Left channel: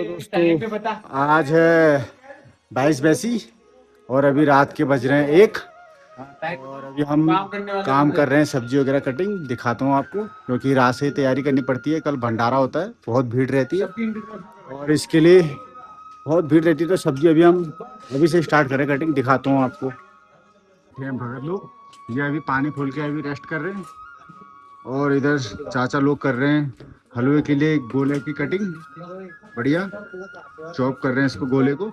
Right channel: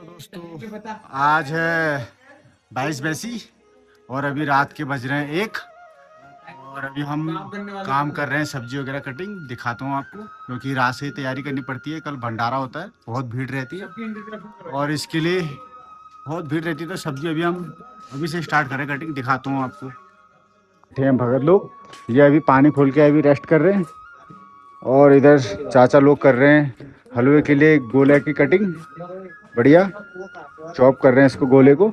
दोस्तों आज है 22 बैसी और अभी रात के बज रहे हैं 1 और अभी हम काम कर रहे हैं, सब्जी वगैरह कटिंग दिखाता हूँ आपको, क्योंकि रात से ही तैयारी करनी पड़ती है। कल भंडारा होता है, बहुत भीड़ रहती है और इसके लिए बहुत भीड़ रहती है, तो सब्जी हम अभी से स्टार्ट करें कटिंग, दिखाता हूँ आपको। थे हम भगत लोग, ये अभी पानी खोल के अभी रेस्ट कर रहे हैं और इधर चाचा लोग कर रहे हैं हलवे के लिए गोले की कटिंग, बढ़िया चॉप कर रहे हैं इसको गोले को।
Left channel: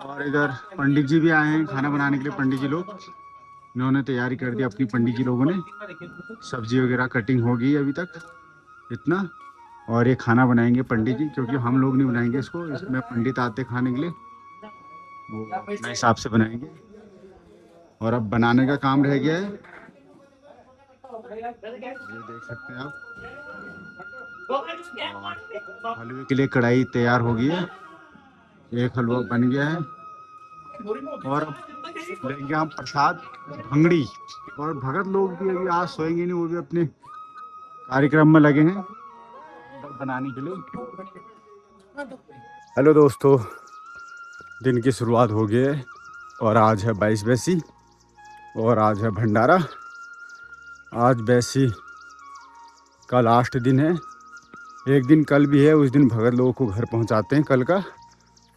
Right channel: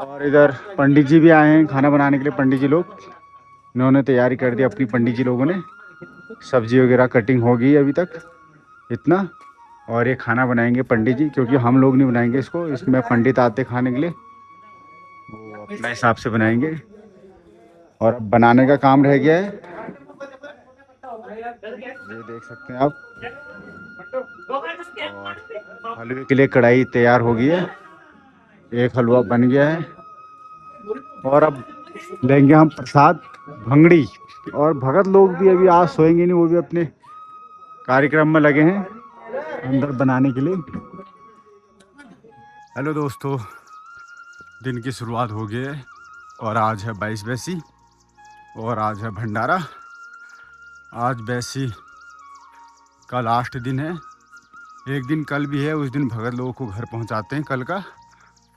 और इधर पंडित जी भी आए हैं खाना बनाने के लिए। पंडित जी लोग इन्होंने तैयारी कर दी अपनी, पंडित जी लोगों ने सब्जी वगैरह कटिंग हो गई अभी तक इतना। और ये खाना बनाएंगे पंडित जी, क्योंकि हम लोग नहीं बनाएंगे इसको, इसमें पंडित आते खाने के लिए, वो अपने हिसाब से बनाएंगे। और अब बनाने का काम रह गया है, ये देख सकते हैं आप। और हलवे के लिए कढ़ाई तैयार हो गई है, एक हलवा बन गया है। और अब लेंगे हम प्रसाद भंगड़ी। और भगत लोग भी अभी आज सोएंगे नहीं, वो भी अपने कार्यक्रम में लगे हैं अंदर बनाने के लिए। हेलो दोस्तों, दिन की शुरुआत हो गई है और आज है 22 बैसी और आज है भंडारा। आज बैसी का लास्ट दिन है, एक दिन कल भी है, उस दिन भगत लोगों को घर पहुंचाते हैं कल का।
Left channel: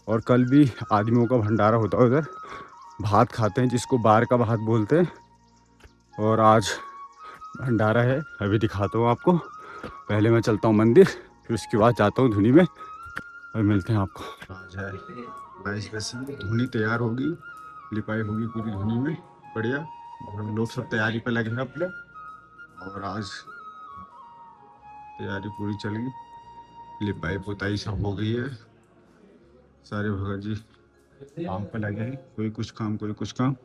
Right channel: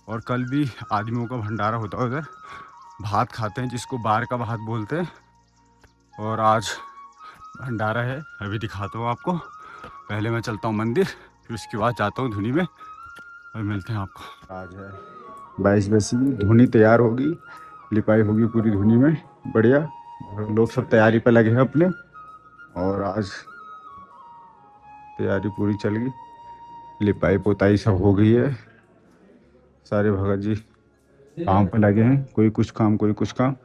और कल भी आदमियों का भंडारा होता है, उधर भात खाते हैं जिसको बार का भात बोलते हैं। और आज भंडारा है, अभी दिखाता हूँ आपको। पहले मैं चलता हूँ मंदिर, फिर उसके बाद जाता हूँ धुनी में और मिलते हैं आपको। आज है 22 बैसी, धुनी तैयार होगी, लिपाई होगी पूरी धुनी में, बढ़िया। लोग सब तैयारी पर लगे हैं अपने, और आज तैयारी पूरी चल गई, लिपाई पोताई सब हो गई है। सारे भगत जी काम पे लगे हैं, कोई कुछ काम कोई कुछ काम।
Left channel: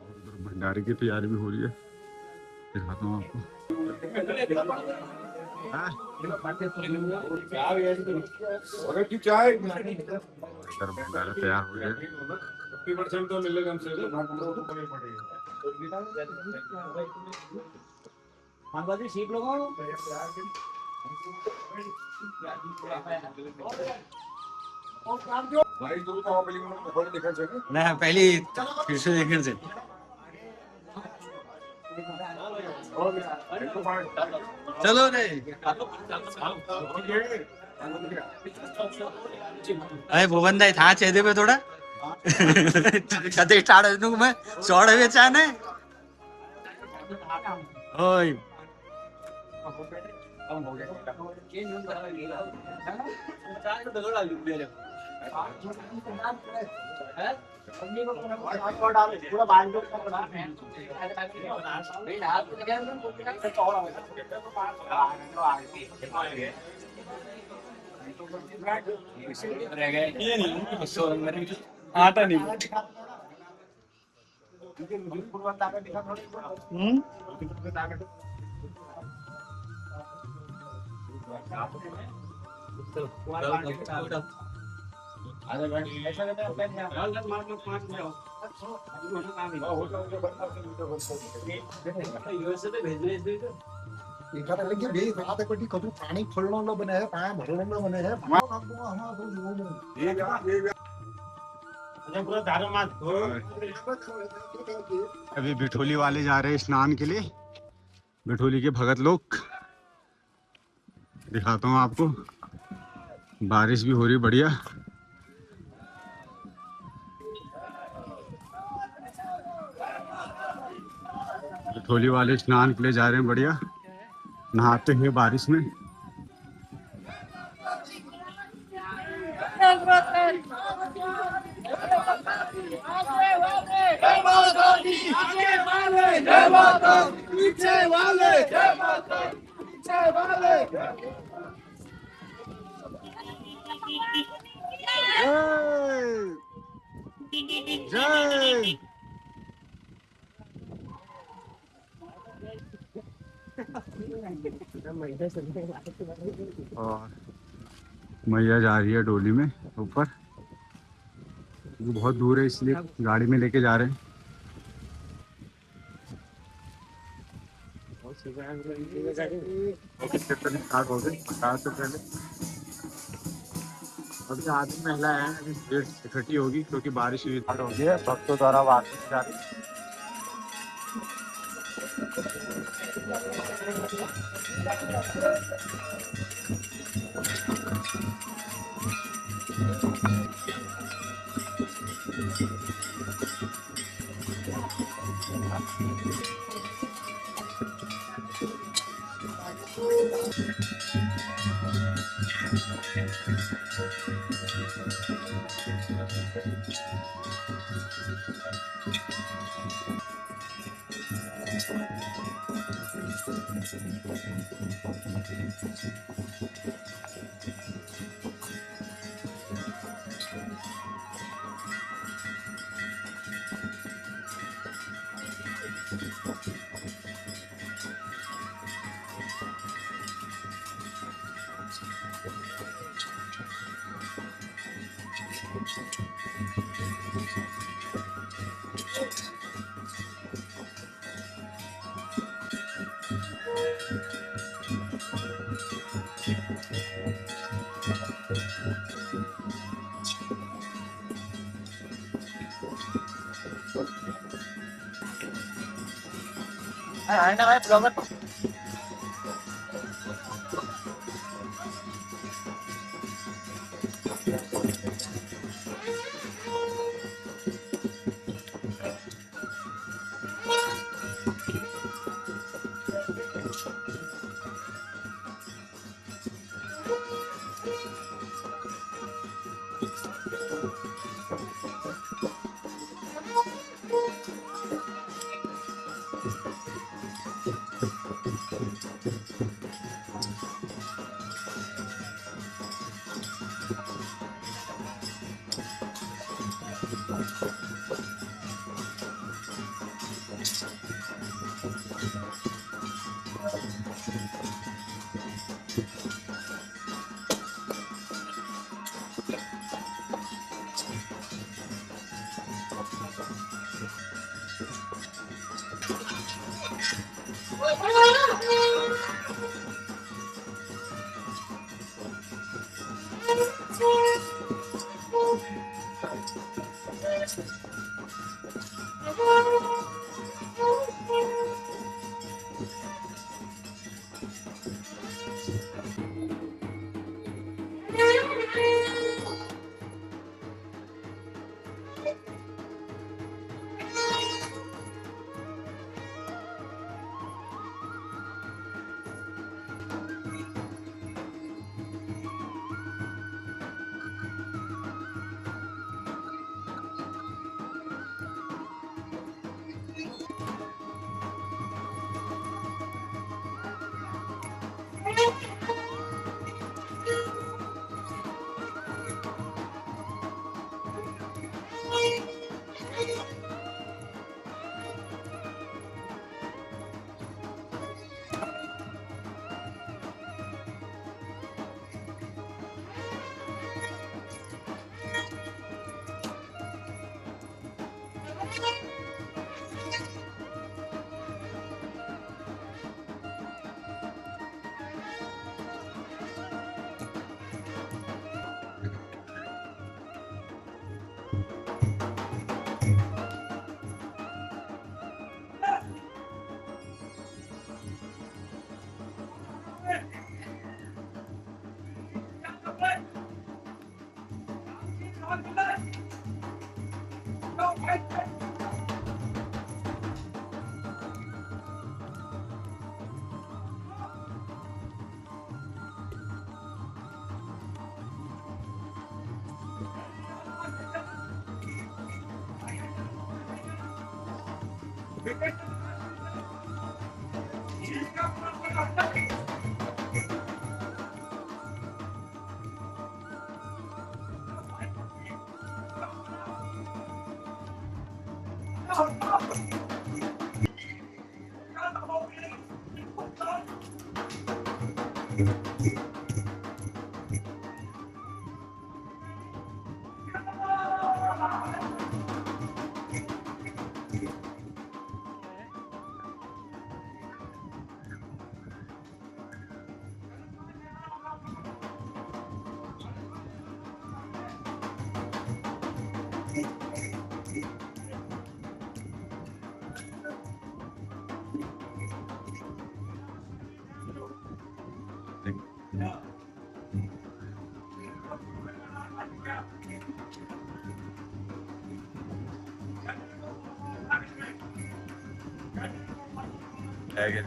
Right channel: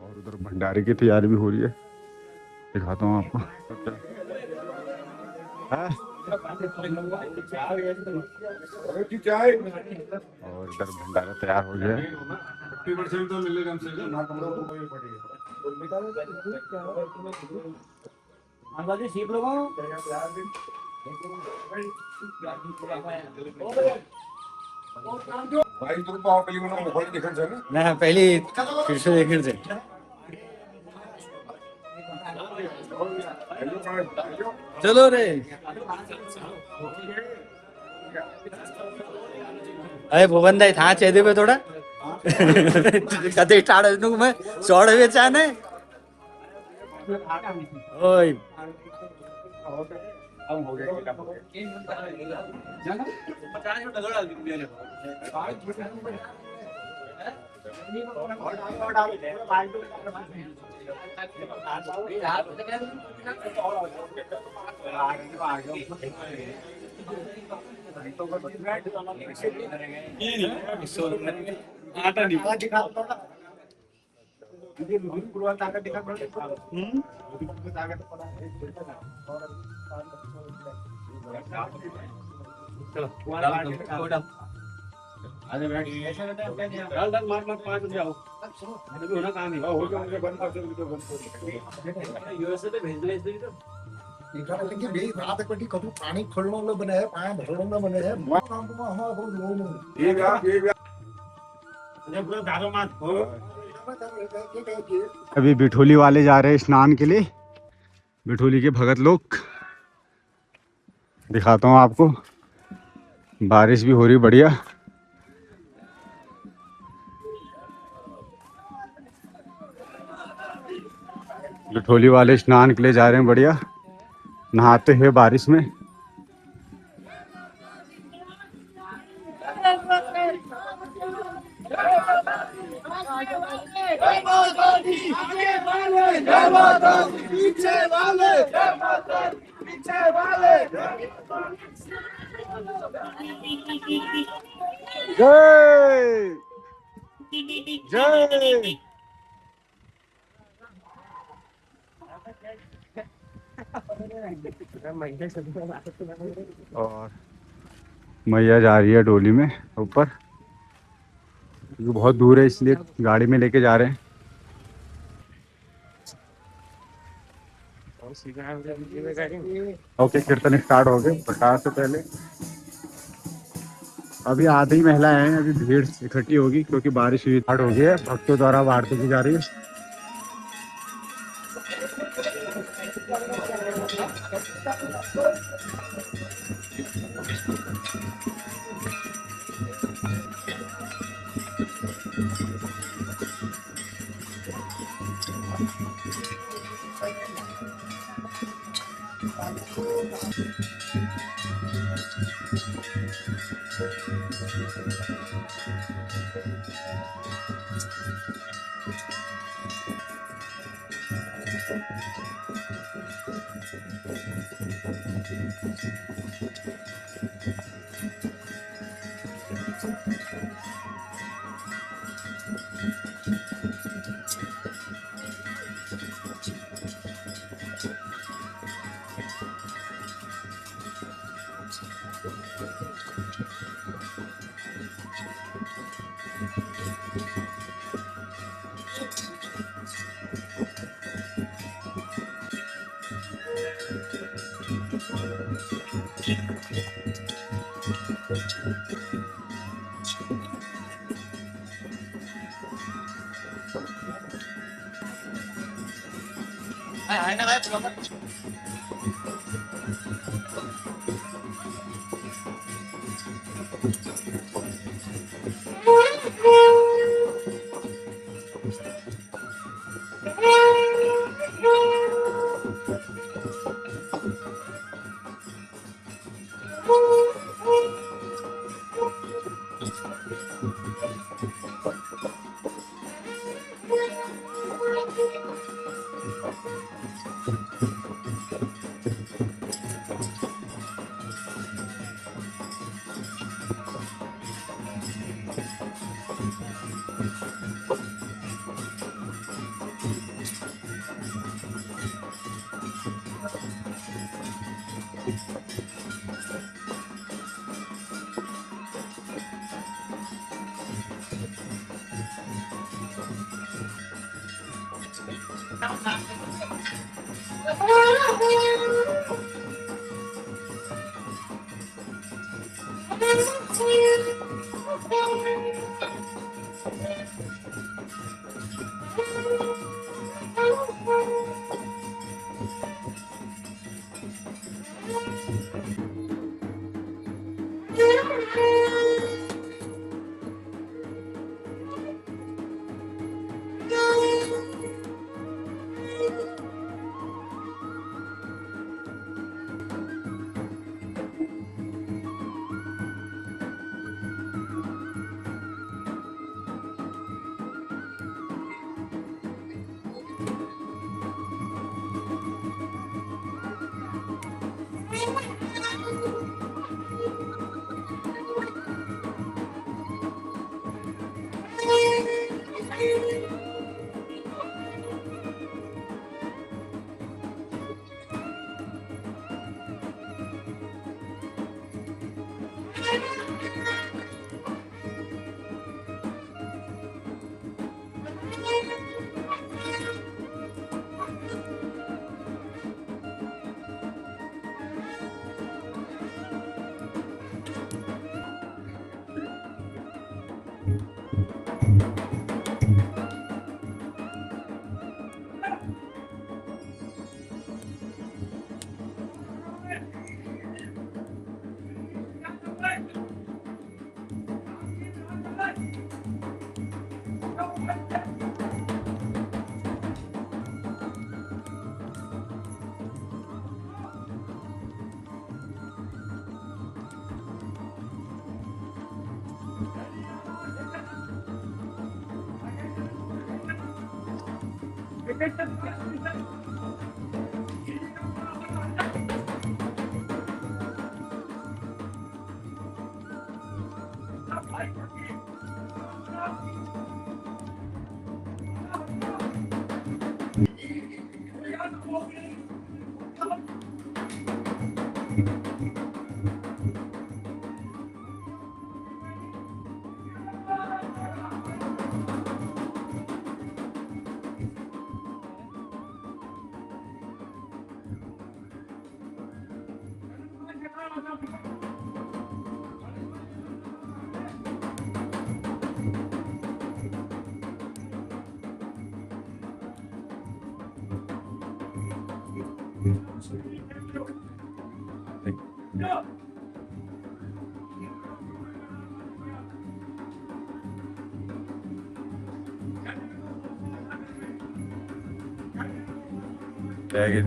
और उधर भंडारे की तैयारी भी हो रही है, दिखाता हूँ आपको। और इधर भंडारा तैयार हो गया है। 50% तो मिलेगा हमसे। ना पहले फिर से देखने से चलो रे। अरे भुवन दाई था चेहरे पे थोड़ा कते स्टार्ट में चौड़ हुए चाने ओए आटा नहीं पानी खोलने बने है, पानी भरने बने है। अभी बिठोली वाले जा रहे हैं स्नान के लिए, बिठोली के भगत लोग, दिखाता हूँ आपको। बारिश भी हो रही बढ़िया। बिठोली वाले स्नान के लिए जा रहे हैं, बढ़िया नहाते हैं बारिश में। जय जय। और मैया जा रही है डोली में ऊपर, क्योंकि बहुत दूर है इसलिए गाड़ी में लेके जा रहे हैं। ओके, कीर्तन स्टार्ट हो गए प्रकाश से पहले। अभी आधी महिलाएं हैं, अभी भीड़ इकट्ठी होगी क्योंकि बारिश हुई स्टार्ट हो गई है। भक्तों द्वारा आरती की जा रही है। मेरे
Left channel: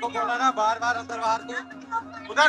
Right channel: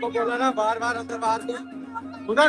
को बोला ना बार बार अंदर बाहर से उधर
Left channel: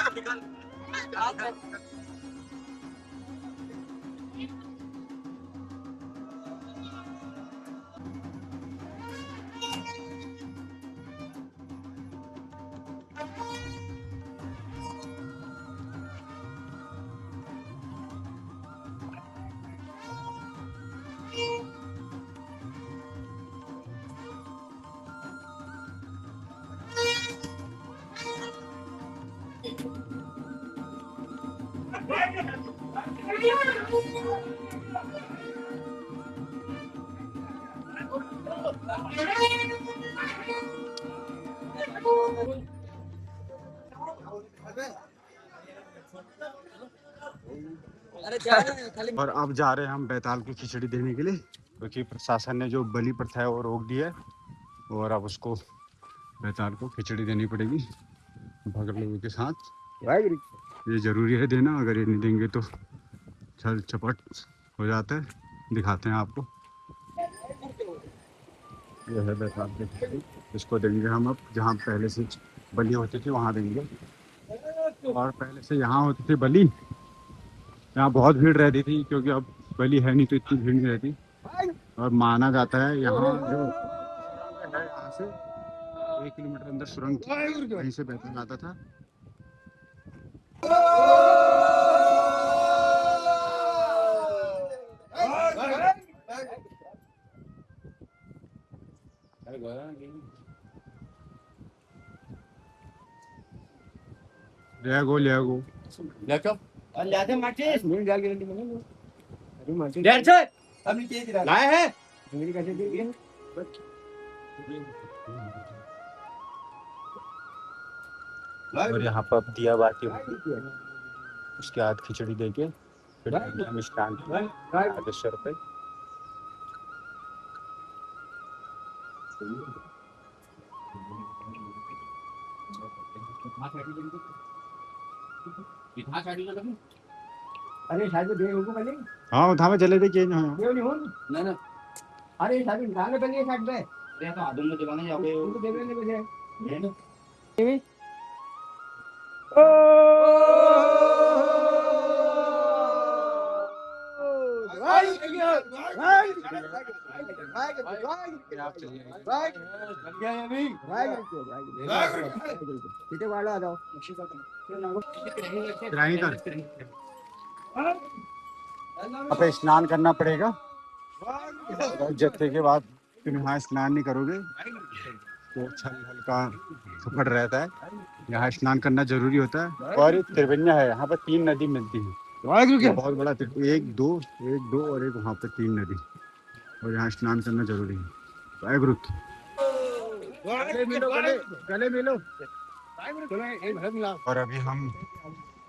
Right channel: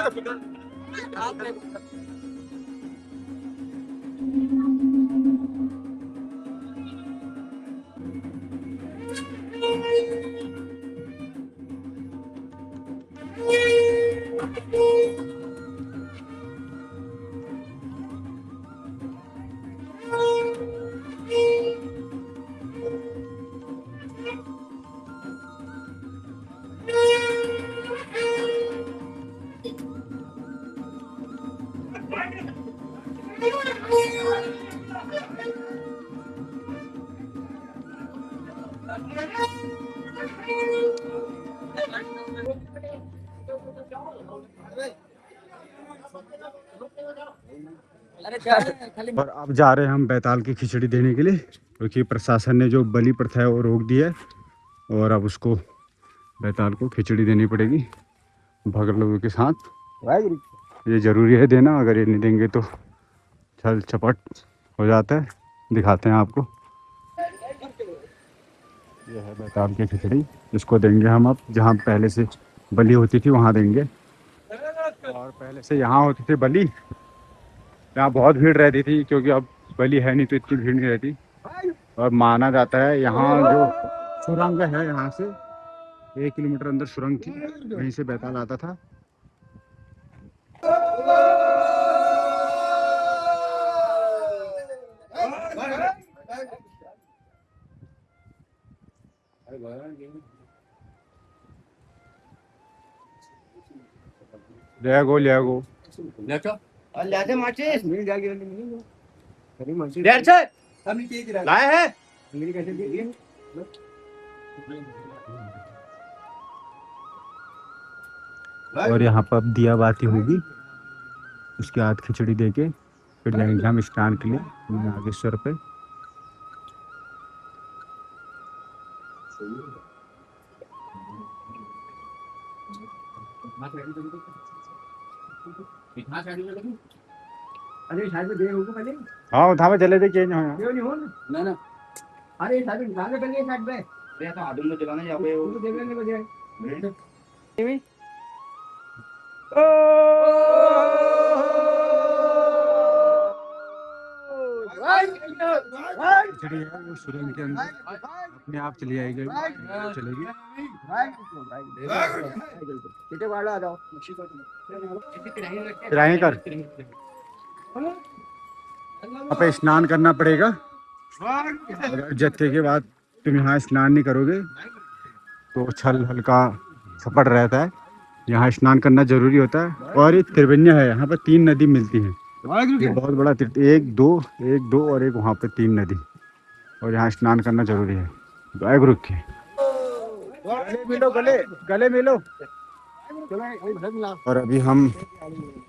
और अब जा रहे हैं हम बैताल की खिचड़ी देने के लिए, क्योंकि प्रशासन ने जो बलि प्रथा है वो रोक दी है, और अब उसको बैताल को खिचड़ी देनी पड़ेगी भगत लोगों के साथ। ये ज़रूरी है देना, अगर ये नहीं देंगे तो छल चपट हो जाता है। दिखाते हैं आपको, यह है बैताल की खिचड़ी, जिसको देंगे हम अब। जहाँ पहले से बलि होती थी वहाँ देंगे, और पहले से यहाँ होती थी बलि, यहाँ बहुत भीड़ रहती थी, क्योंकि अब बलि है नहीं तो इतनी भीड़ नहीं रहती। और माना जाता है यहाँ जो सुरंग है, यहाँ से 1 किलोमीटर अंदर सुरंग थी, वहीं से बैताल आता था। ले गो लाए हैं। और यहाँ पर अब दिया बाती होगी, उसके बाद खिचड़ी देके फिर जाएंगे हम स्नान के लिए नागेश्वर पे। अरे साइड में दे होगा पहले। हाँ उठा में चले थे चेंज हो ना ना, अरे साइड में ध्यान रखेंगे साइड पे। अरे तो आदम में चलाना यहाँ पे वो देख लेने बजे। सुरंग के अंदर आप चली आएगी, चलेगी कर पे स्नान करना पड़ेगा। जत्थे के बाद तुम यहाँ स्नान नहीं करोगे तो छल हल्का छपड़ रहता है, यहाँ स्नान करना जरूरी होता है। और ये त्रिवेण्या है, यहाँ पर 3 नदी मिलती हैं, बहुत बड़ा एक दो और एक वहाँ पे 3 नदी, और यहाँ स्नान करना जरूरी है। वाहेगुरु के गले मिलो। और अभी हम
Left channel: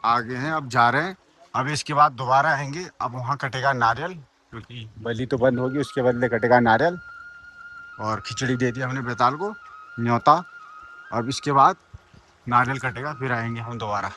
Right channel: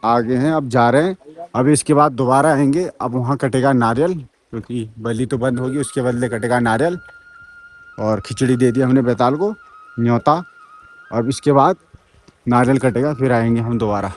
आगे हैं, अब जा रहे हैं। अभी इसके बाद दोबारा आएंगे, अब वहाँ कटेगा नारियल, क्योंकि बलि तो बंद होगी, उसके बदले कटेगा नारियल। और खिचड़ी दे दी हमने बैताल को, न्योता। अब इसके बाद नारियल कटेगा, फिर आएंगे हम दोबारा।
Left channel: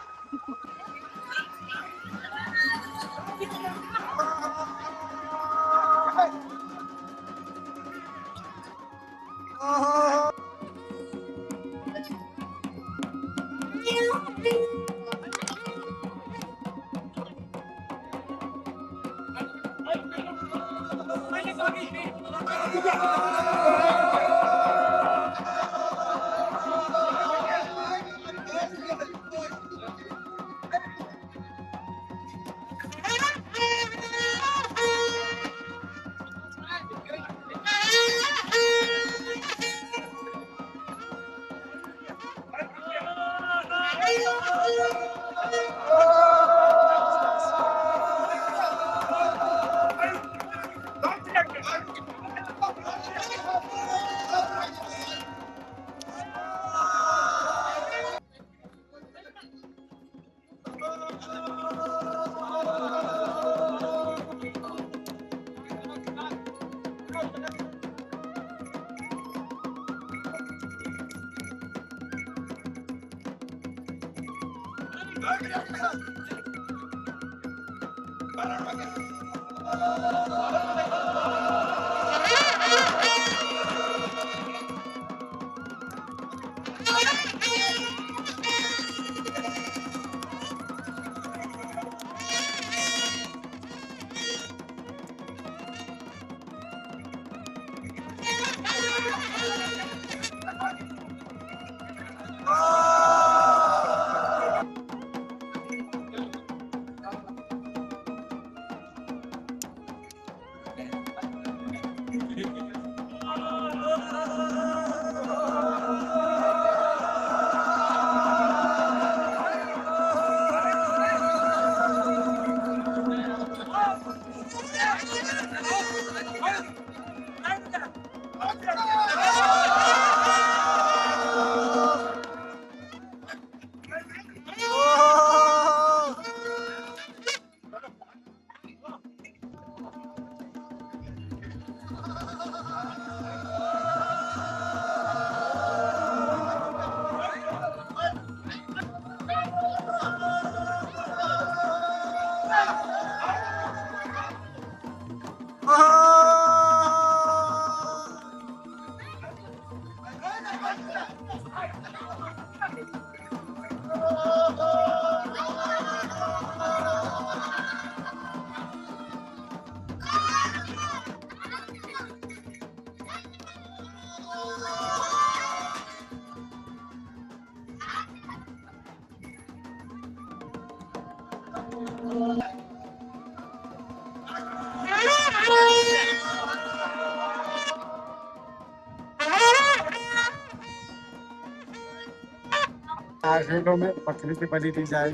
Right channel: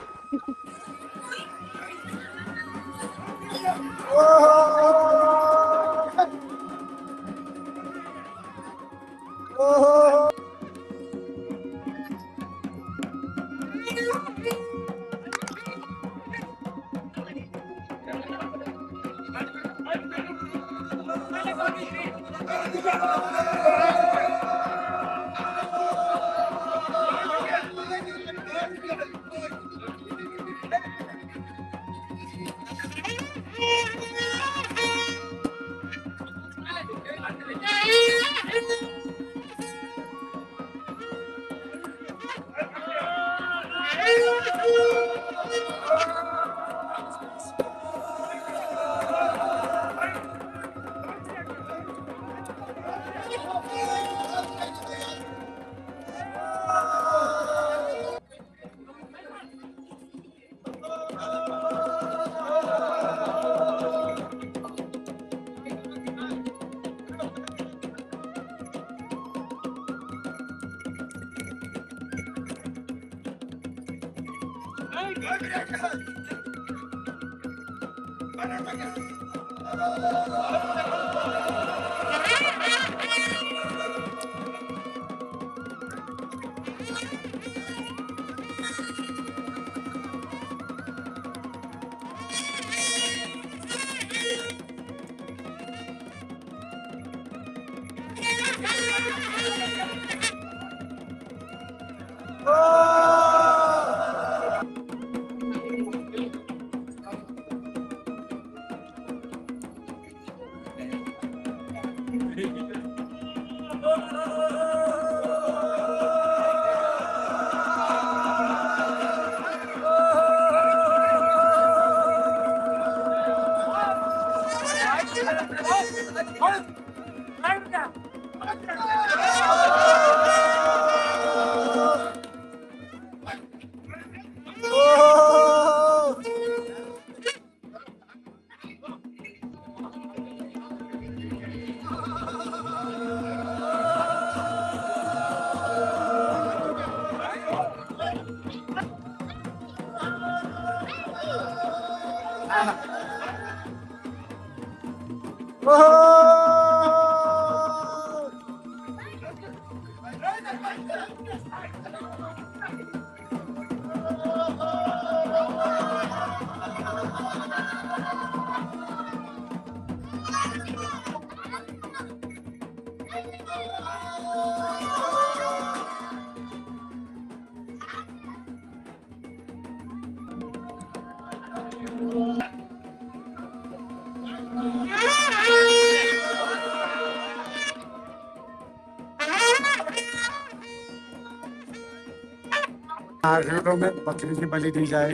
नारियलों में बकरी की बलि दी जाए,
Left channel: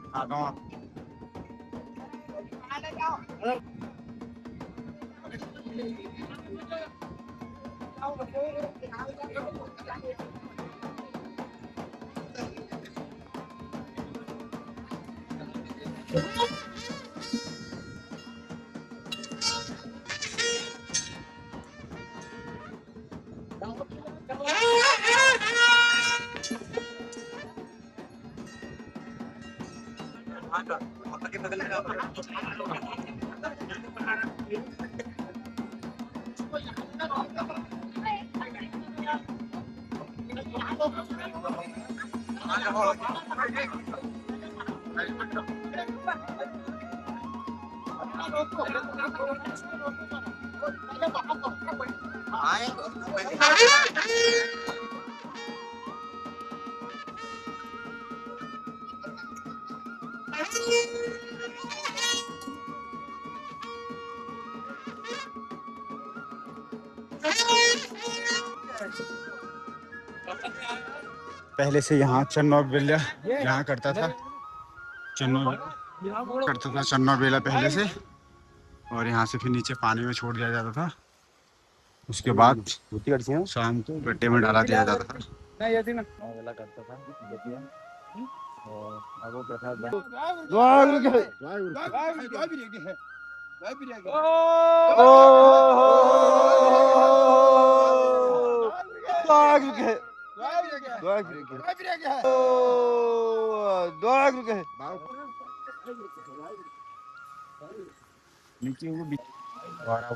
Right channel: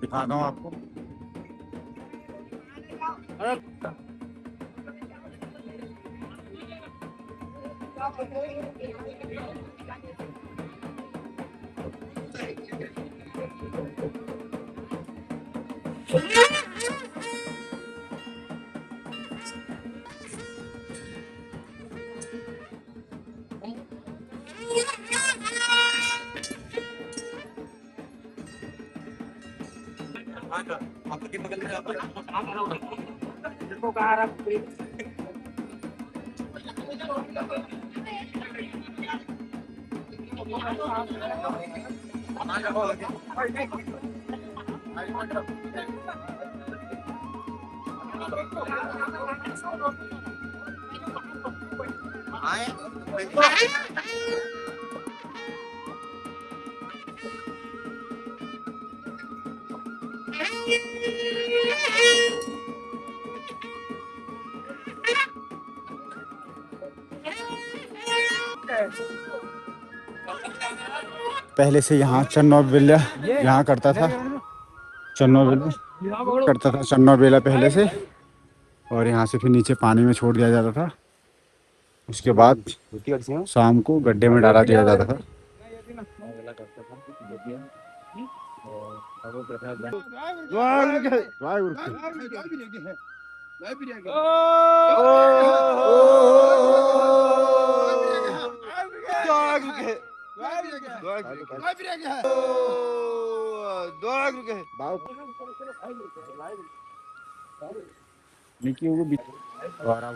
दिखाता हूँ आपको। पहले से यहाँ चन्नौ बेला यहाँ करता था, चन्नौ बेला करता था, चन्नौ बेला पहले से। और यहाँ से फिर नीचे पानी में छोड़ दिया जाता था, उसके बाद शाम को गड्ढे में डाला दिया जाता था।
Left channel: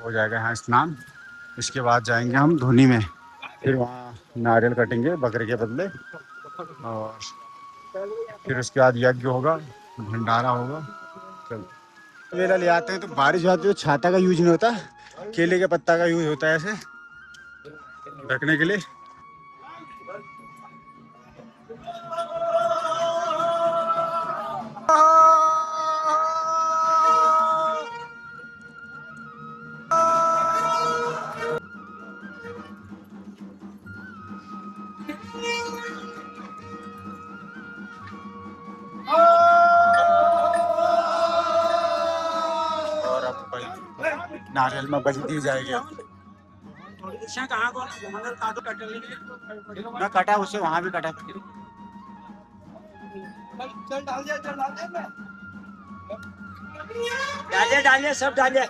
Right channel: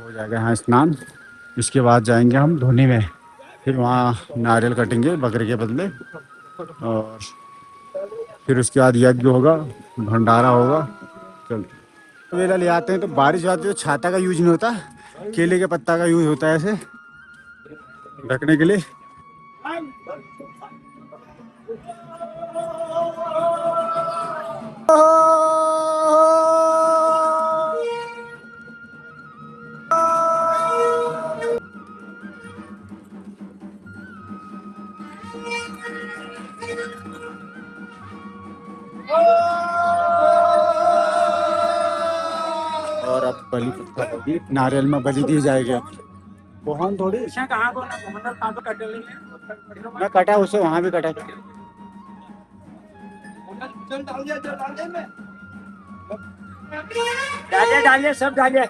हो जाएगा यहाँ स्नान। इसके बाद जाएंगे हम धोनी में, फिर वहाँ नारियल कटेंगे बकरे के बदले, और फिर उसके बाद यज्ञ होगा, भंडारा होगा। चल तो ले आते हैं, तो बारिश बाद जो छाता का यूज नहीं होता, केले के पत्ता का यूज होता है ऐसे ढकने के लिए। और अब बलि, नारियल में बलि दी जाएगी। अब बहुत थोड़ी मैं कटा, उसे वहां भी कटा। डालिए सब डालिए।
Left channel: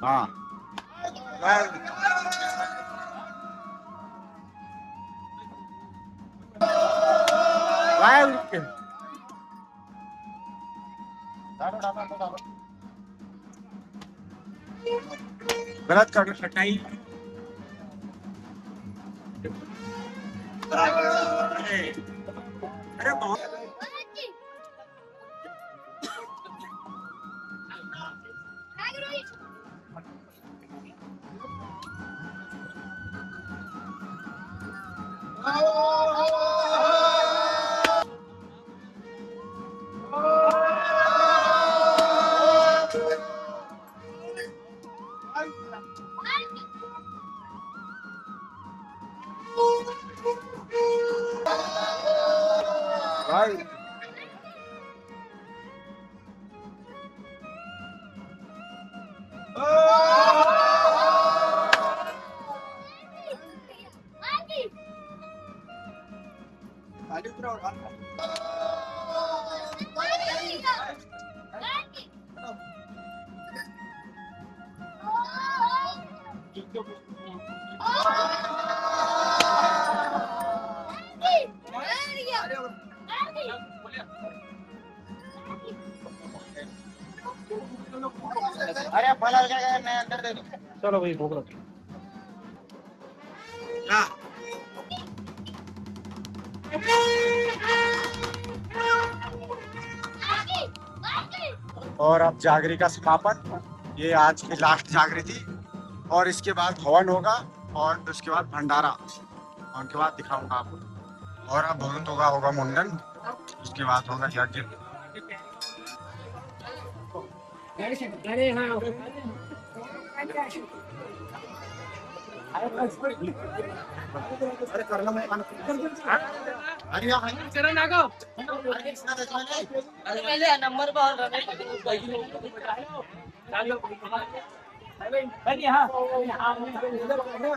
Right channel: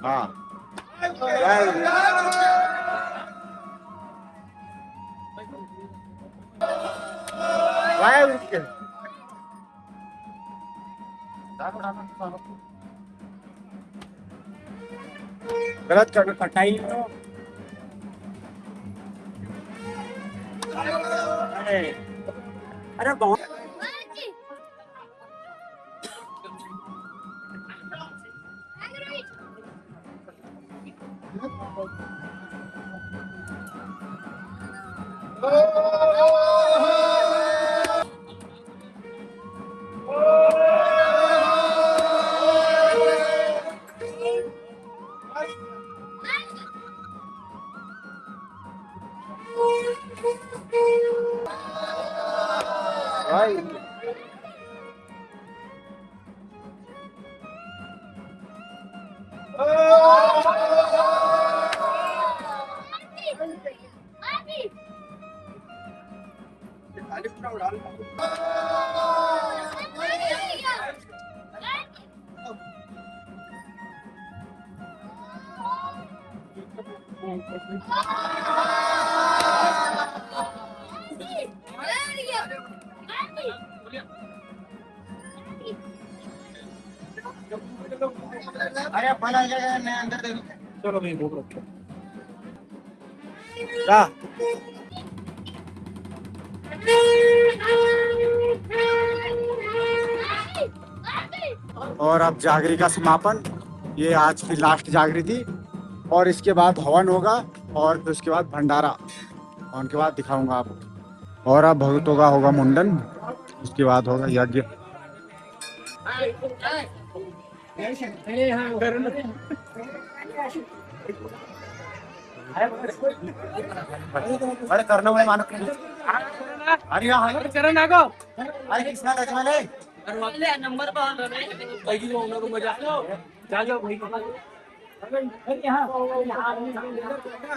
हाँ गलत कर कटाई अरे बहुत भाई। अरे फल आ गया, मैं अंदर दे दूं। चलो भाई भूख रखो जा। और अब जागरी का समापन, ये आज की लास्ट जागरी थी और इसके बाद हवन होगा और फिर उसके बाद भंडारा, और उनके बाद दिखाऊंगा आपको। और अब भगतों का होगा मुंडन, उसके बाद होगा यज्ञ। अरे करना मैं मानो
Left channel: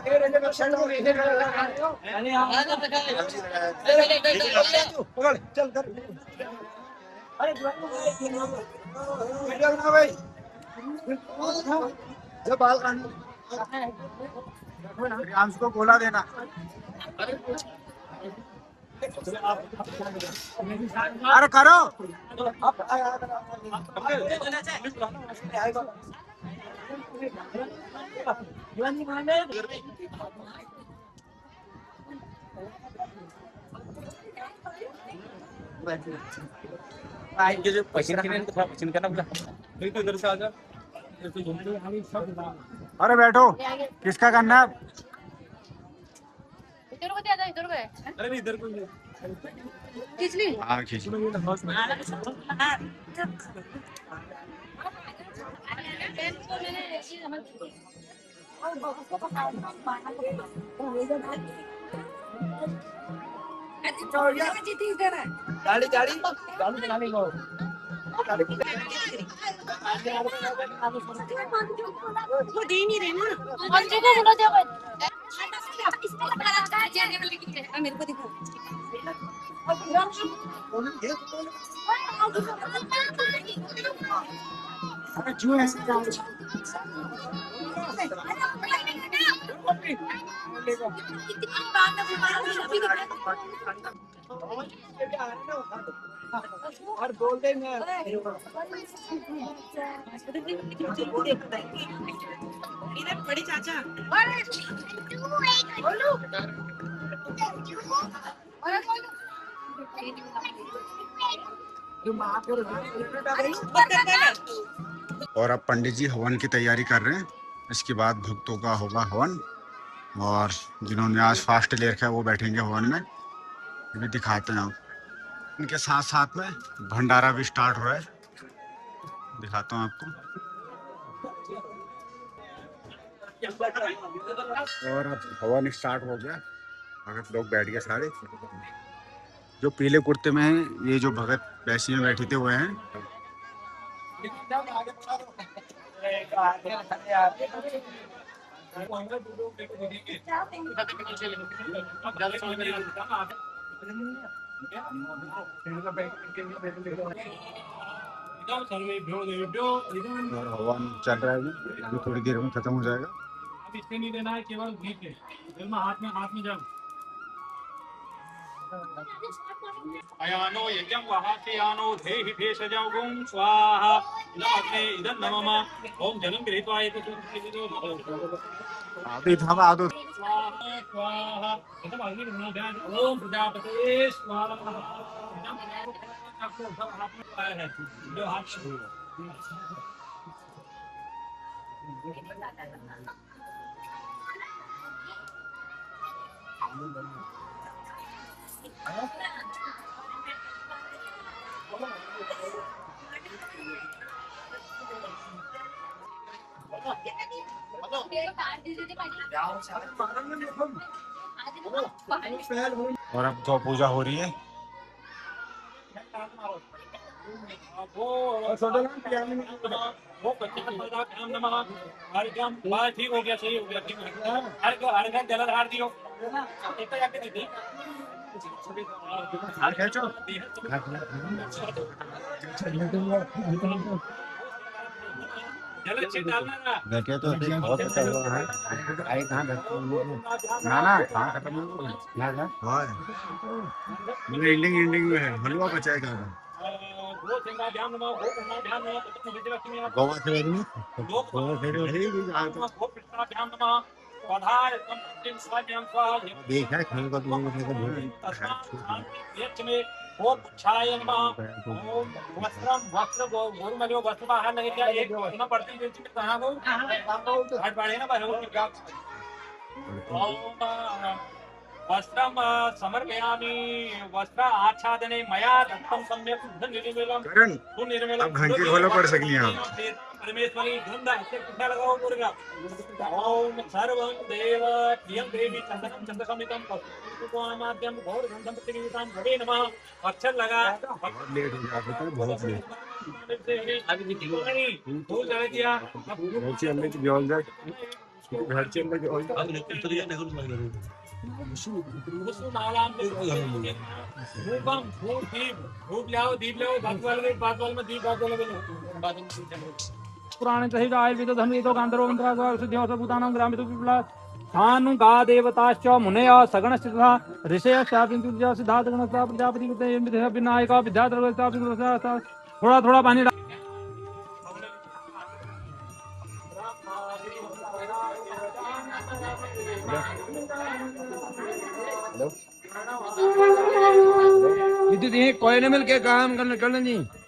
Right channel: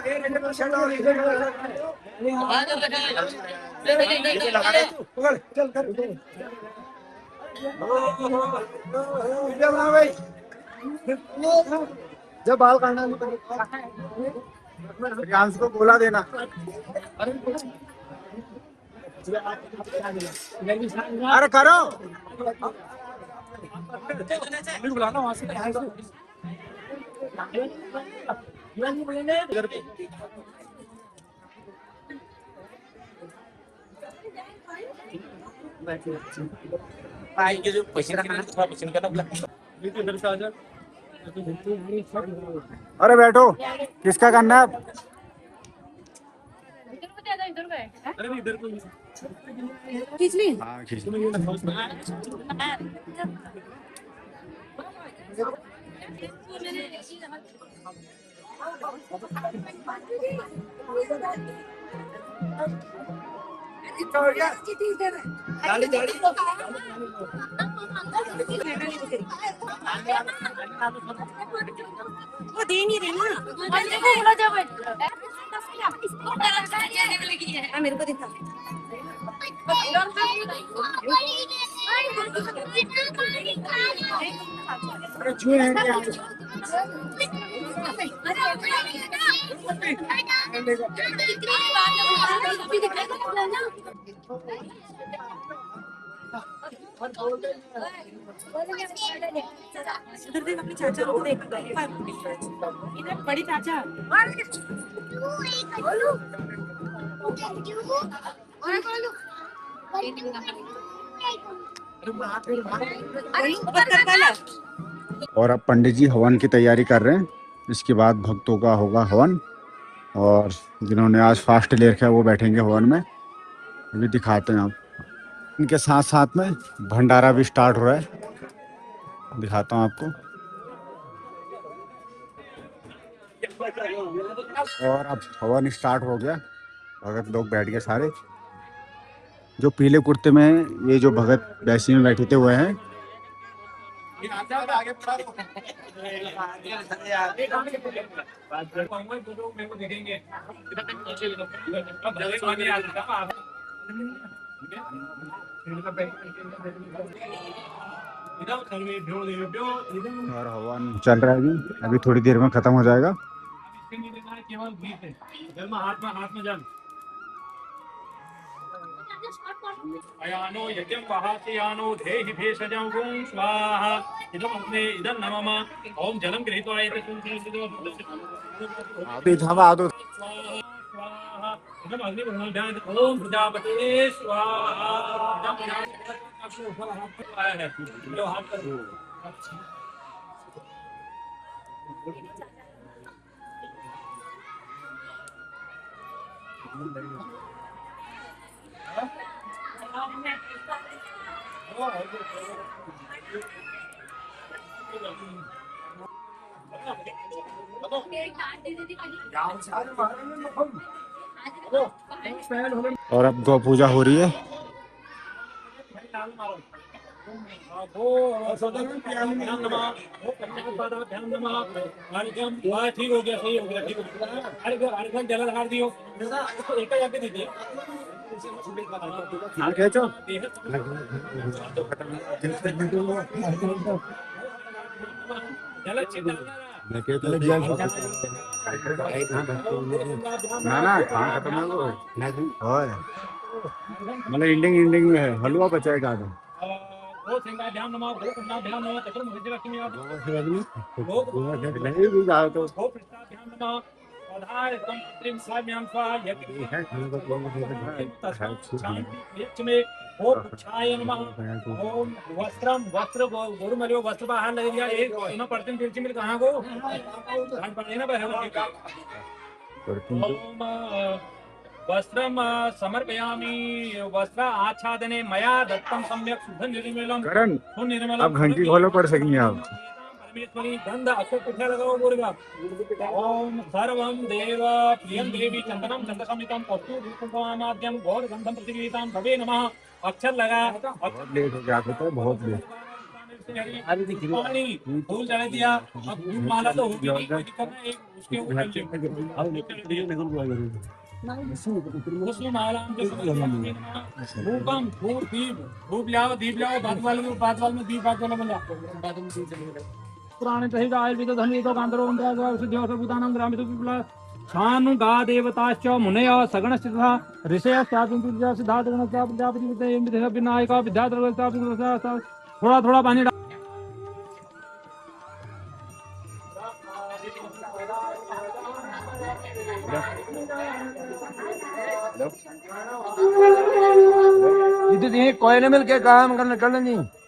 अरे नंबर चल कर जब बाल काटना प्रियांश को गोला देना। अरे करो। अरे बैठो, किसका करना है? हाँ खींच। वो दे नहीं रहे ना, बंदे को बोला जा भाई मेरे को दिखा। अरे जो है चाचा को देख इधर बड़ी चाचा और अब पंडित जी हवन की तैयारी कर रहे हैं, इसके बाद भक्तों का होगा हवन, और जिन्होंने आज फास्ट ले रखा है वो बैठेंगे हवन में। अभी दिखाते हैं आप, इनके साथ साथ में भंडारा भी स्टार्ट हो रहा है, दिखाता हूँ आपको। और अब हवन स्टार्ट हो गया, भगत लोग बैठ गए सारे। जो पीले कुर्ते में हैं, ये जो भगत बैसी में बैठे हुए हैं। और हवन चल रहा है अभी थोड़ी देर में खत्म हो जाएगा। इसके नहीं देना है, केवल घी से जल में हाथ में जल। अयानो यज्ञं वहासयानो देहि भेषजं गुं स्वाहा इदम् अग्ने इदं नमः ओम जलं गृहीत्वा एतत् अभी थमा दो। स्वाहा स्वाहा इदम् अग्नि ब्रह्मध्यान ओम प्रजापते स्वाहा इदं प्रजापति हाथ में आया है जो हाथ कर और अब गौ पूजा हो रही है। ठीक हो गया, सही हो गया, ठीक हो गया। अर्घ जलधार दियो, एक ही दी थी। खींचो। जल अच्छी डालना ना। बैठे तो ना ना कहाँ खत्म है वो और मतलब एंडिंग एंडिंग में है हलवा बचा है कहाँ गो सिंगाभ्याम नमः गो कन्नाभ्याम नमः चतुर्मुखी लक्ष्मी गोवा से नहीं लोक नहीं भी कहा तो गो पृष्ठाभ्याम नमः पधाय तम त्रिम साम्याम स्वाहा यज्ञ देखा है खाने का तो शांति यज्ञ में गो पुच्छाय नमः ओम वस्त्रम वस्त्र गोरु मलियो वस्त्र बाहर लग गया एक इमा पड़ते तुलसी मिल कहां गो घाट पाड़े ना भगवती का ओम वस्त्रम समर्पयामि वस्त्र आच्छादने मया दत्तम सम्यक शुद्ध निर्मलम करण सुनिर्मलम अब घंटी खोलो पड़ सकनी आप परमेश्वरी गंध अक्षर पुष्या लगाओ बोलेगा ओम सर्वं देव प्रियं देवी चंदनम चंद्रसमितम कस्तूर कुंकुमाद्यम गौर गंधम प्रतिगीतां भवे नमः अक्षर लगा बहुत लेट हो गया होता है बहुत लेट पानी फूल चढ़ा दिया अब फूल माला तो होगी नहीं, कोई दिक्कत नहीं, उसके ऊपर माला धूपम धूप दीप लाओ बात वाल में दीप बात वाले बोला पुराणे सहित आयुर्वेद धर्मवेदो गांधर्व मंत्र सिद्धियों भूतानां ग्रामीण विप्लव खानु गा देवताश्च मुनय सगण स्थितः ऋषय शापिंतु सिद्धार्थ गणस्य प्रजापति विनायक विद्याधर थोड़ा थोड़ा पानी कोई ने मिल के काम करना नहीं